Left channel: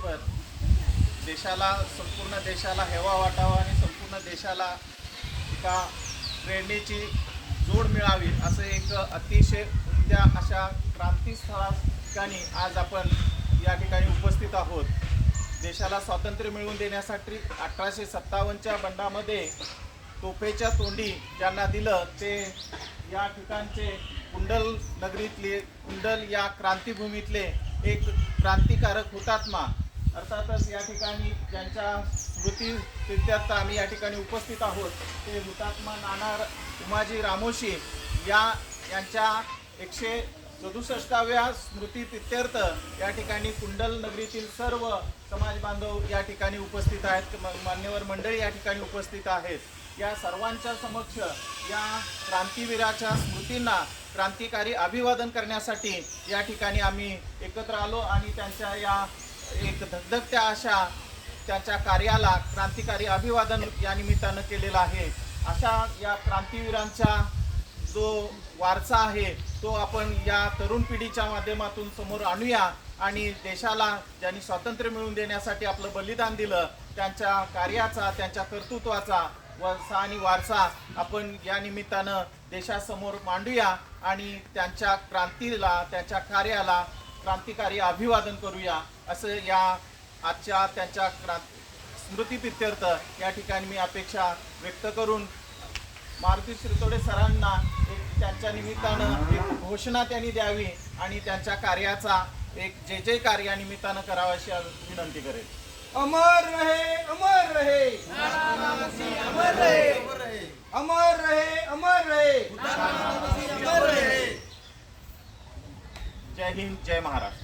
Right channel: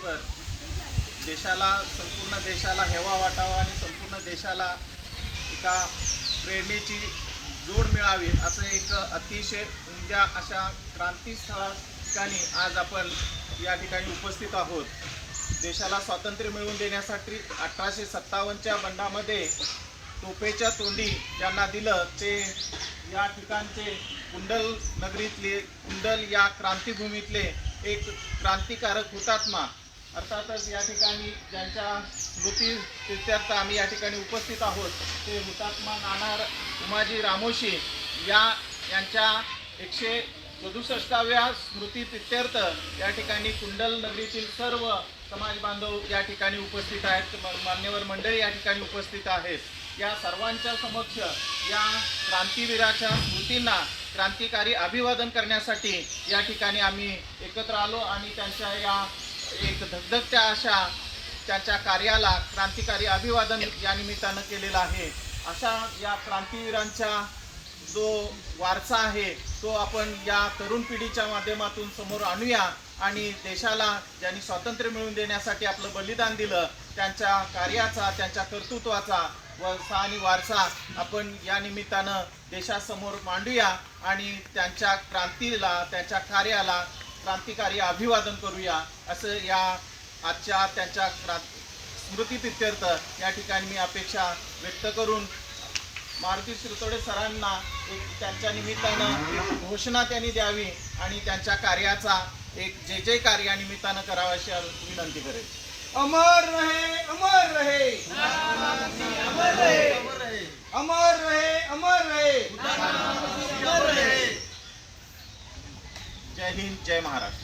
तारखेवर देशाला, संपूर्ण देशाला हेवा वाटावा आणि संपूर्ण देशाला एका प्रेरणेची जोड मिळावी असं एक अतिशय उमद्या अशा क्रांतीस्थळा ठिकाणी आज आपण या ठिकाणी उपस्थित आहोत. देशाला स्वातंत्र्य मिळवून देण्यासाठी 1857च्या बंडामध्ये तोफेच्या तोंडी ज्यांना दिलं ते या ठिकाणचे कुंडल नगरीतले, कुंडल या क्रांतिभूमीतले एक क्रांतिकारक हुतात्मा, अर्थातच या ठिकाणी ज्यांच्या स्मृती प्रित्यर्थ आम्ही या ठिकाणी उपस्थित आहोत ते हुतात्मा नाना उमाजी रामोशी यांच्या 167व्या स्मृती प्रित्यर्थ या ठिकाणी कुंडल नगरीतील सर्व समाज बांधव या ठिकाणी उपस्थित आहेत, मान्यवर मंडळी या ठिकाणी उपस्थित आहेत. या सर्वांच्या समक्ष या क्रांतीवीराच्या स्मृतींना क्रांतिकारी अभिवादन करण्यासाठी या ठिकाणी आम्ही एकत्र आलो आणि त्यांच्या या एक धगधगत्या अशा त्यांच्या कार्याला क्रांतिकारी अभिवादन या निमित्तानं केलेलं आहे. अशा या क्रांतीवीरांचा जो वारसा आहे तो आपण या तरुण पिढीच्या माध्यमातून समोर आणूया आणि देशाला ज्यांनी स्वातंत्र्य मिळवून देण्यासाठी आपलं बलिदान दिलं त्यांच्या कार्याचा, त्यांच्या कर्तृत्वाचा आणि वारसा आपण या निमित्तानं देशासमोर मांडूया आणि त्यांच्या क्रांतीला, त्यांच्या कार्याला क्रांतिकारी अभिवादन करूया असं या आजच्या त्यांच्या स्मृतीप्रित्यर्थ या ठिकाणी मी अपेक्षा व्यक्त करून मारुती शिरतोडे सरांना एक त्यांच्या निमित्तानं एक घोषणा त्यांनी द्यावी आणि त्यांच्या कार्याचा एक जय कार्या निमित्तानं करावा अशी विनंती करेल. अमर रहे, अमर रहे, अमर रहे, अमर रहे, अमर रहे, अमर रहे. जय हिंद, जय महाराष्ट्र.